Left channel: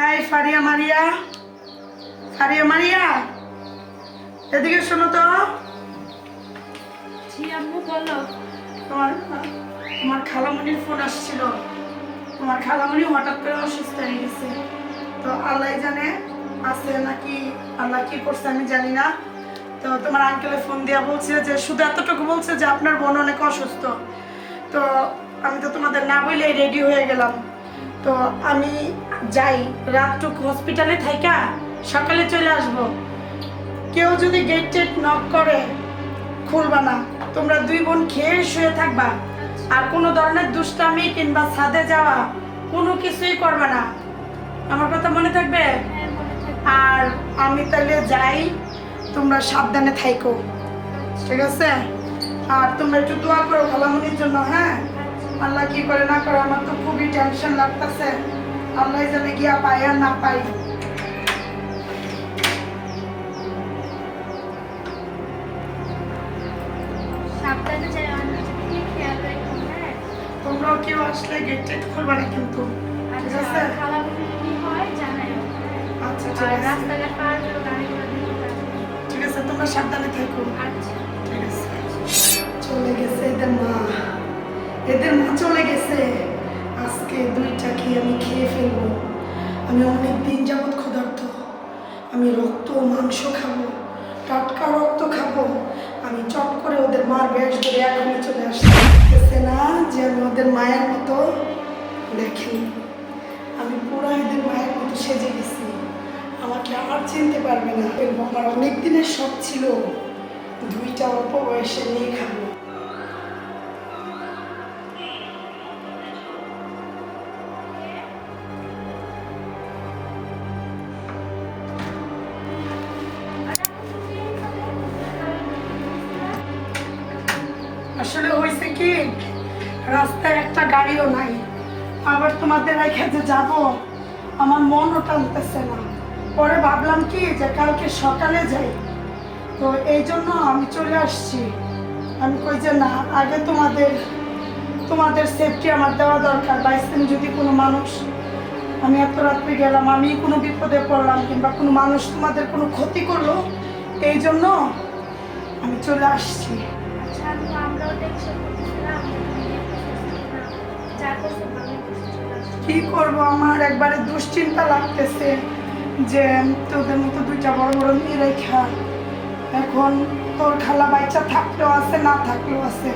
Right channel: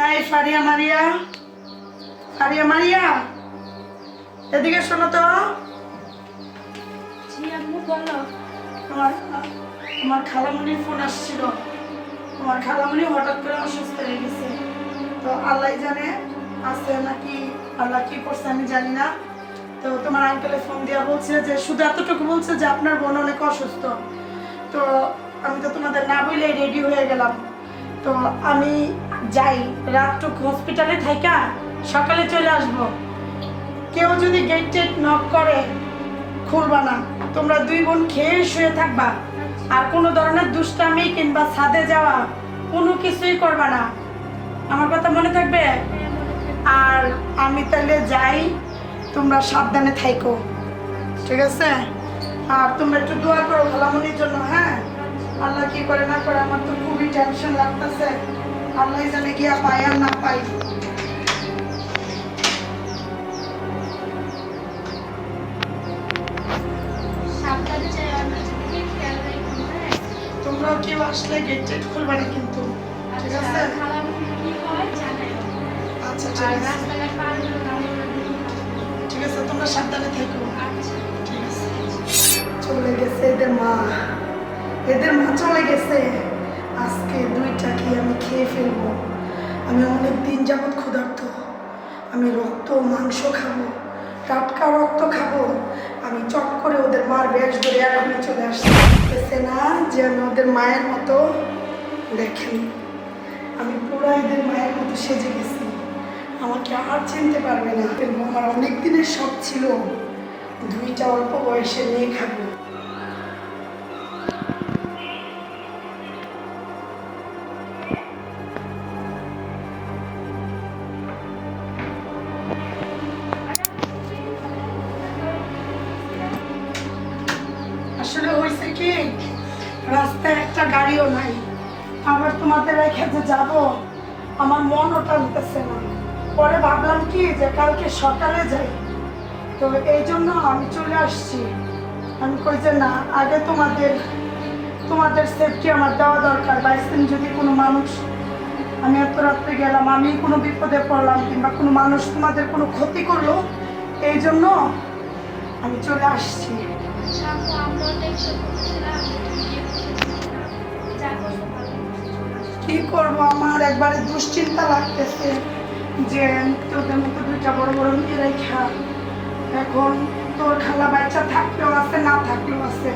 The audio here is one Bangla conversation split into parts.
এই ফারিয়া মারিয়া, ফারিয়া মারিয়া, এদিকে শোনো তো। জি আম্মু বলো। তোমার তোমার খালামণির ফোন আসছিল। তোমার খালামণি হঠাৎ করে অসুস্থ হয়ে গেছে। তো আল্লাহ জানে আছে নাকি আল্লাহ কি করছে আমি জানি না। তো তোমার আঙ্কেলে ফোন দিয়া বলছে যে শুধু এতটুকু বলছে যে আপনার বোন অনেক অসুস্থ। তো আমি তো তোমাদের না বলে রেডি হয়ে গেলাম। তো আমি যাই, রাতটুকু হসপিটালে থাইকা সকালে চলে আসব। কেউ যদি গেট টেট নক করে খুলবা না, তোমরা দুই বোন খেয়ে শুয়ে থাকবা। আর কোনো ধরনের দুষ্টামি কিংবা ছাদে যাওয়া কোনো কিছুই করবা না। আমার কথা মনে থাকবে? হ্যাঁ মনে থাকবে। আর আমি তাহলে যাই, তোমরা সাবধানে থাইকো, ঠিক আছে? আর তোমরা একটু দোয়া করো খালামণির জন্য, হ্যাঁ? আল্লাহ কি করে না করে, আমার তো খুবই টেনশন লাগতেছে। আল্লাহ জানে গিয়া পাই আর না পাই। সাবধানে যাই, অনেক খেয়াল রাখো। হ্যাঁ তোমরাও কেউ আসলে গেট টেট খুলবা না কিন্তু, ঠিক আছে? আচ্ছা, খালামণি কি হয় জানাই। আচ্ছা ঠিক আর আছে, রাস্তাঘাট পার হলে গাড়িগুলো দেখে আসবে। ঠিক আছে, তোমরা সাবধানে থেকো। আচ্ছা ঠিক আছে। চলে গেছে এদের মা চলে গেছে। আজকে দুইটা কি আমি খেয়ে ফেলবো। আমি অনেক দিন যাবৎ ক্ষুধার্ত। আমি রক্ত মাংস খাবো, টাটকা রক্ত খাবো। আমি চট করে ওদের মার বেশ ধরে এখনই চলে আসছে না যে আমি ওদের মায়ের মতো। দেখেন আমি পুরো এদের মায়ের মতো সেজে গেছি। আমাকে আর চিনতে পারবে না। আমার অনেক দিনের শখ ছিল দুইটা অল্প বয়সে নিয়ে খাবো। আসলে হয়েছে কি, রাস্তায় একটা গাড়িও নাই। আবার তোমাদের রেখে যে যাবো, আমার মনও টানতেছে না। পরে ভাবলাম কি যে কালকে সকালে যাই। তো এই জন্য আমি চলে আসছি। আমি কই যে না, আগে তোমাদের সেফটি আমার দেওয়া দরকার। বাইসেন যদি কোনো মানুষ, আমি এত রাত্রে গেলাম, আমি কোনো বিপদে পড়লাম কিংবা কোনো মানুষ তোমাদের কোনো ক্ষতি করলো, এই জন্য আমি চলে আসছি। আচ্ছা আম্মু, আমরাও টেনশন করতেছিলাম যে তুমি বিয়ে করতেছিস না। যা করছো ভালোই করছো, চলে আসছো। কি করব, আমার একবারে দুশ্চিন্তা লাগতেছে যে তোদের মতো দুইটা বড় বড় মেয়ে রেখা এখন তোর খালা বাচ্চা থাকলেও আছে না থাকলেও আছে,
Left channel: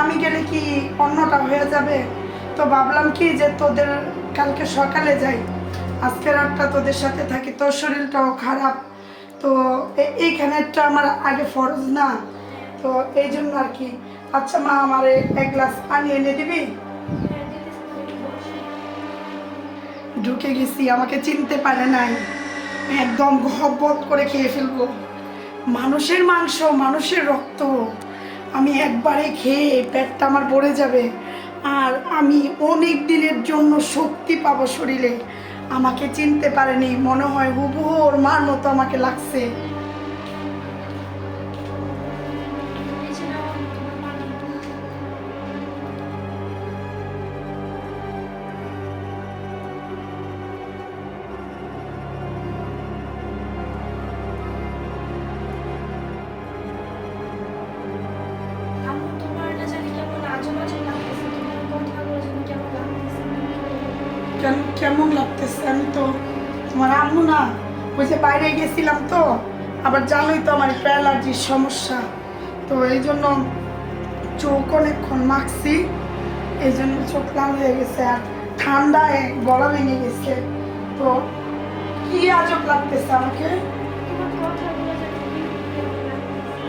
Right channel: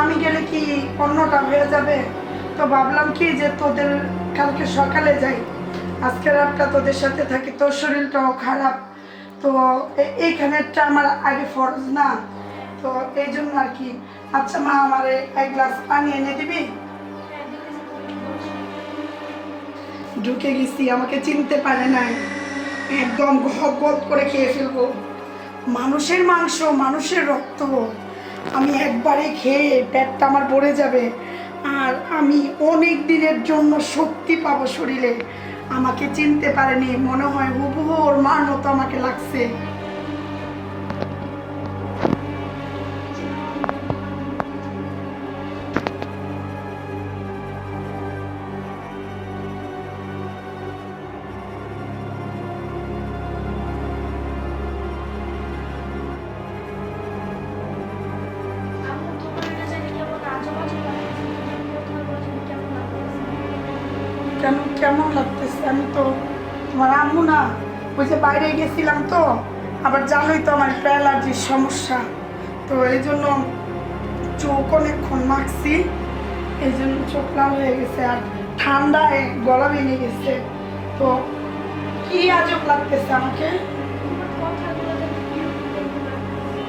আমি গেলে কি অন্যটা হয়ে যাবে। তো ভাবলাম কি যে তোদের কালকে সকালে যাই, আজকে রাতটা তোদের সাথে থাকি। তোর শরীরটাও খারাপ, তো এইখানেরটা আমার আগে ফরজ না। তো এই জন্য আর কি। আচ্ছা মা, আমার এক গ্লাস পানি এনে দিবি? হ্যাঁ দেখতেছি, তুমি বসো। ঢুকে গেছি, আমাকে চিনতে পারে নাই, একদম গহব্বত করে খেয়ে ফেলবো। মানুষের মাংস, মানুষের রক্ত, আমি একবারে খেয়ে পেটটা আমার ভরে যাবে। আর আমি অনেক দিনের জন্য শক্তি পাবো শরীরে। আমাকে চিনতে পারেনি, মনে হয় হুবহু ওর মার মতো আমাকে লাগছে। এছাড়া আম্মু, তোমার না জানি কেমন আজব আজব লাগতেছে, তোমার কথাগুলো জানি কেমন লাগতেছে। কেন কেমন লাগতেছে? আমি তো তোমার আম্মু না। ওই যে বাইরে গেছিলাম তো, আবার জানোই তো আমার একটু অ্যালার্জির সমস্যা। তো এই জন্য চোখ অনেকক্ষণ মাখছি, এই জন্য চোখ লাল হয়ে গেছে। আর ঠান্ডায় গলা ভেঙে গেছে। তো কি আজব লাগতেছে আমাকে। তোমার কথাগুলো জানি বিরক্ত লাগতেছে।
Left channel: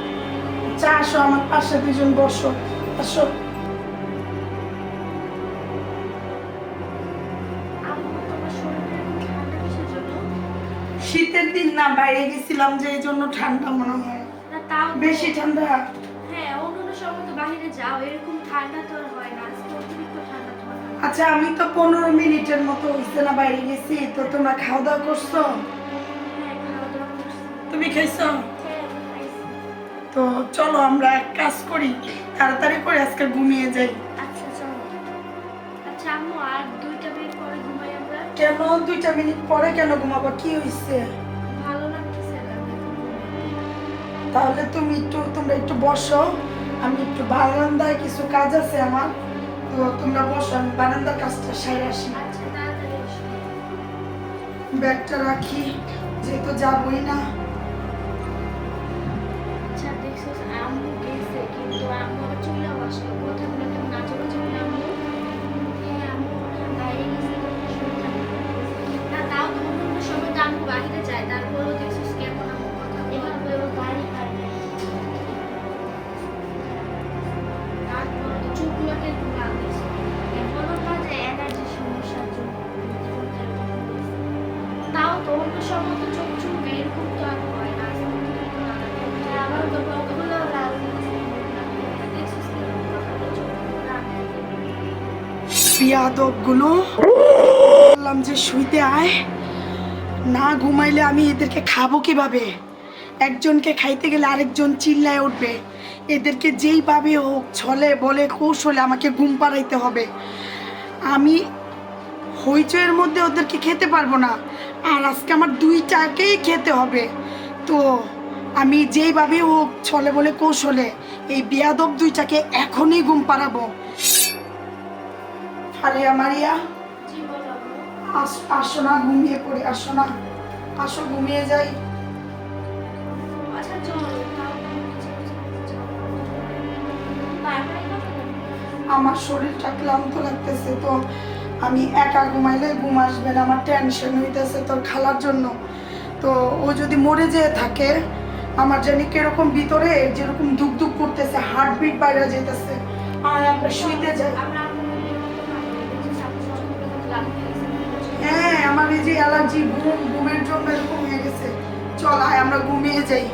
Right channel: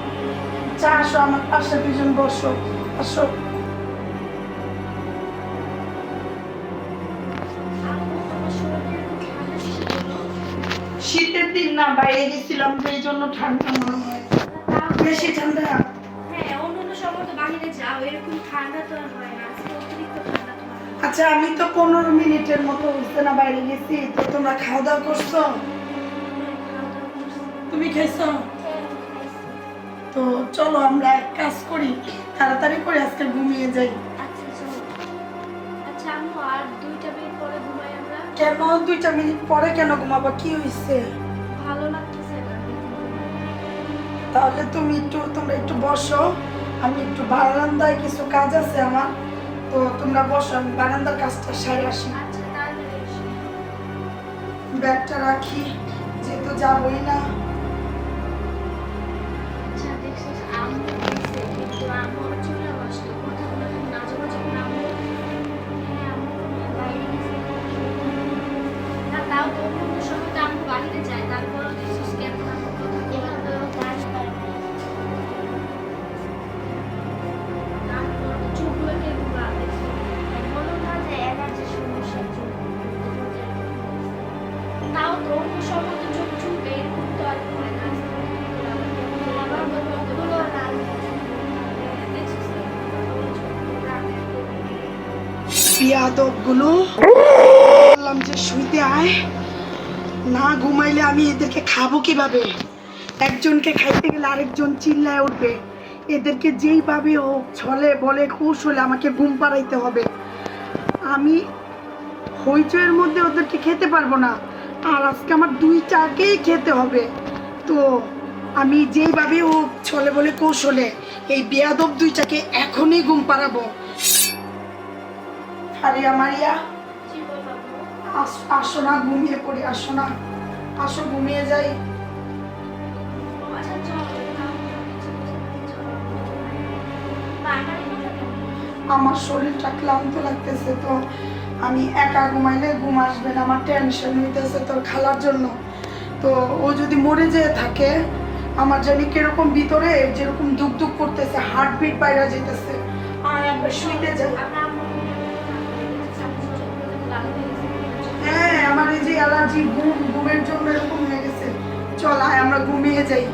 চা আসো, আমার পাশে দুজন বসো, আসো। আম্মু, তোমার শরীরে এরকম ঠান্ডা কিসের জন্য? শীতের দিন না, বাইরে গেছিলাম যে এই জন্য ঠান্ডা মনে হয়। না তাও বেশি ঠান্ডা? হ্যাঁ, অন্য সময় তো বাইরে যাও, এরকম ঠান্ডা তো আর হয় না। আজকে অতিরিক্ত ঠান্ডা তোমার। আচ্ছা, আমি তো 15 মিনিটের মতো হচ্ছে না বাইরে গেছি। তো তোমরা খাওয়া দাওয়া করছো? হ্যাঁ, খাওয়া দাওয়া করছি। তুমি খাইছো? হ্যাঁ আমি খাইছি। তো চলো আমরা এক কাজ করি, তাড়াতাড়ি করে আজকে ঘুমিয়ে যাই। আচ্ছা চলো। আচ্ছা আম্মু, আর 2টা মিনিট পরে ঘুমাই আমরা। কেন 2টা মিনিট পরে কেন ঘুমাবা? কি হয়েছে? ভালো লাগতেছে না তাহলে তোমরা একটু বসো, আমি একটু বারান্দায় কিছু কাজ আছে আমার, তো তোমরা বসো, আমি বারান্দার কাজটা সারে আসি। আচ্ছা তাড়াতাড়ি এসো। ব্যাগটা রাখি, যেহেতু যাবই না। আচ্ছা দেখছো আম্মু বলছে কিন্তু আম্মু আবার চলেও আসলো, কথাগুলো কেমন আজে বাজে বলে আম্মু। হ্যাঁ আম্মু দাঁড়িয়ে গেছে, না তাও তো অন্য সময় তো আম্মু বাহিরে যায়, তারপরেও দেখছো কেমন আম্মু কথা এভাবে ও দাঁড়িয়ে পারে না। তারপর চুলগুলোকে ঘুরা দেখছো, বলো না যে অ্যালার্জির সমস্যার জন্য তাও তো অন্য সময় তো চোখ চুলবে, এরকম তো আর হয় না। আবার বাবা ওগুলো লাল বিয়াদবগুলো বললাম যে শুইতে আয়, না ঘুমাইলে আমি এদেরকে খাবো কিভাবে? একজনকে খাইতে গেলে আরেকজন চিল্লায় উঠবে। এদেরকে যেইভাবে হোক ছলে বলে কৌশলে আমাকে ঘুম পাড়াইতে হবে। আমি হইচয়ের মধ্যে ওদেরকে খেতে পারবো না, আর আজকে আমার 2টাকেই খেতে হবে। তো আমি যেইভাবে হোক ছলে বলে কৌশলে এই বেয়াদব 2টাকে এখনই ঘুম পাড়াবো। ফারিয়া মারিয়া, আসো না, ঘুমিয়ে পড়ি, আসো না, আসো ঘুমিয়ে যাই। আচ্ছা চলো আমার শরীরটা ক্লান্ত লাগতেছে, তো আমি একা ঘুমাইলে ঘুম আসবে না, আমার টেনশন হইতেছে তোর খালার জন্য। তো ও যদি মরে যেয়ে থাকে, আমার জানি কিরকম ভিতরে যেরকম দুক দুক করতেছে, হার্টবিট বাইরে যেতেছে। আর আমরা শুইতে যাই। হ্যাঁ, আমার এই যে অ্যালার্জি, ঘুমের জন্য এরকম হয়ে গেছে। চল আয় আমরা ঘুমিয়ে যাই,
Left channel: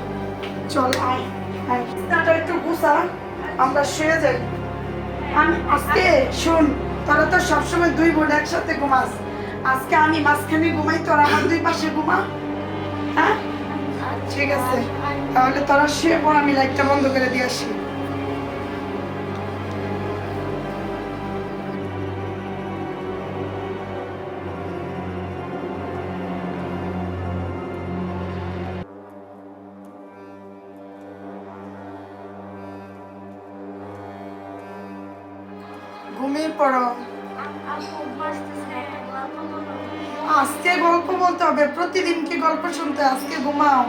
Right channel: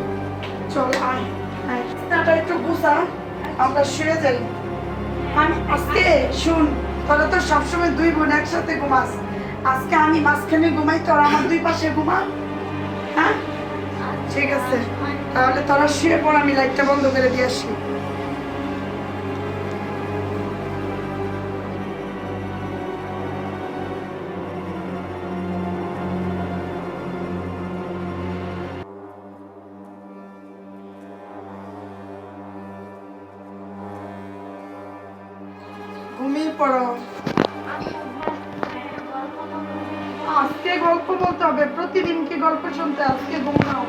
চল আয় আয়, বিছানাটা একটু গুছা, আমরা শুয়ে যাই। আমি আজকে শুন, তোরা তো সবসময় 2 বোন একসাথে ঘুমাস, আজকে আমি মাঝখানে ঘুমাই, তোরা আমার 2 পাশে ঘুমা। হ্যাঁ ঠিক আছে, তাহলে তোরা শুয়ে পড়, আমি লাইটটা বন্ধ করে দিয়ে আসি। ঘুমিয়ে পড়ো। আজকে গল্প বলতে হবে? প্রতিদিন কি গল্প শুনতে? আজকে ঘুমাও।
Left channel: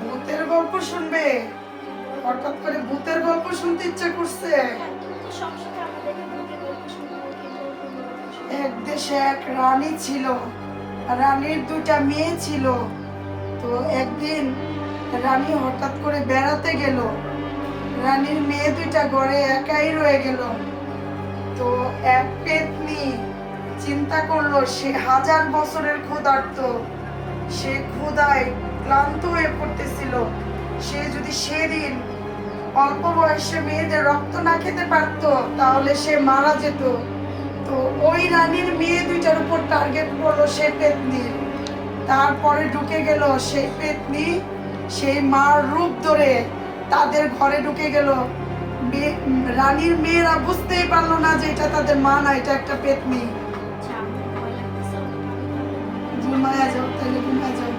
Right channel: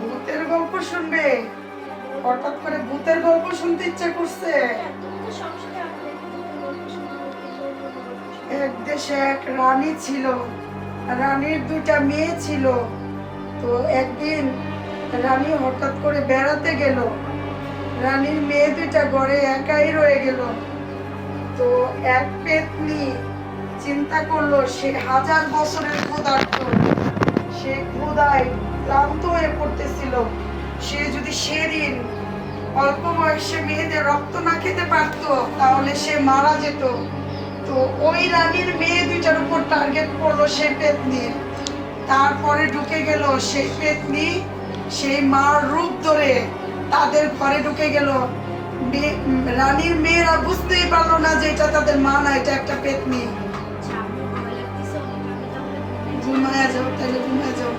ভূতের গল্প শুনবে? হঠাৎ করে ভূতের গল্প শুনতে ইচ্ছা করছে? এক দেশে এক রানী ছিল, রানীর 2টা মেয়ে ছিল। তো একদিন রানী হঠাৎ করে বেড়াতে গেল, রানীর মেয়ে 2টা ঘরে একাই রয়ে গেল। তো এক পেতনি চিন্তা করলো, সে 1000 বছরের ক্ষুধার্ত, সে ক্ষুধায় ক্লান্ত হয়ে পড়তেছিল, সে যদি সেদিন অল্প বয়সে মেয়েদের রক্ত না খেতে পারতো তাহলে সে মারা যেত। তো ওই রানীর মেয়ে 2টার উপর টার্গেট করলো সেই পেতনির। তারপরে ঢুকে গেল সেই পেতনি, সেই মার রূপ ধরে তাদের ঘরে ঢুকে গেল। রানীর মেয়েরা বুঝতেই পারলো না যে এটা তাদের মা না, এটা একটা পেতনি। ঘুমায়া যাও, তাহলে ঘুমায়া যাও।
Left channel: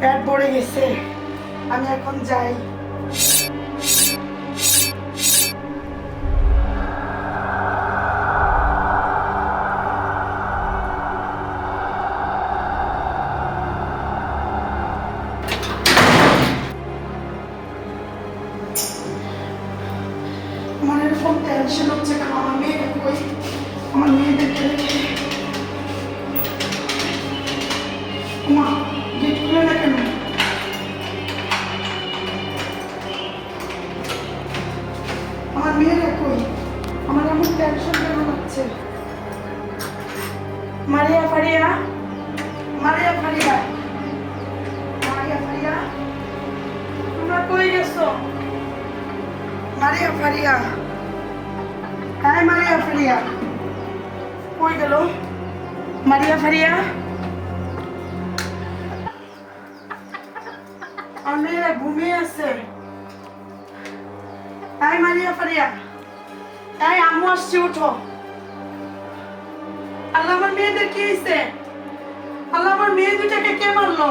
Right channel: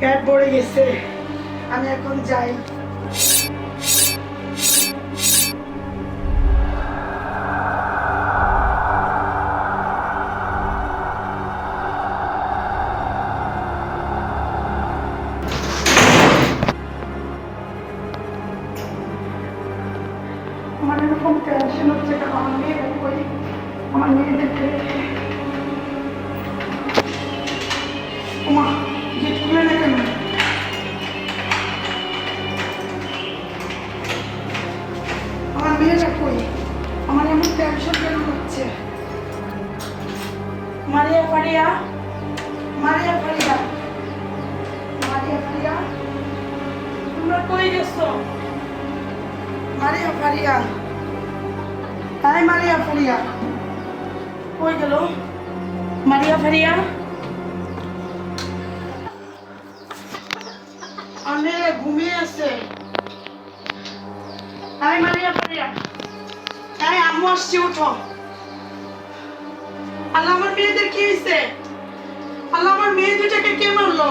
পেট ভরে গেছে, আমি এখন যাই। আমার এরকম টেনশন হচ্ছে কেন? আমার মেয়ে কই? আমার মেয়ে মারিয়া ফারিয়া, মারিয়া ফারিয়া, মারিয়া ফারিয়া, তোমরা কই গেছো? মারিয়া ফারিয়া, হাই মারিয়া ফারিয়া, কই গেল মারিয়া ফারিয়া? অনে ঘুমিয়ে আছে। হাই মারিয়া ফারিয়া, হাই আম্মু আসছে, উঠো। আল্লাহ, আমার মেয়েদের কি হয়েছে? আল্লাহ, আমার মেয়ে দুটাকে কে মারলো?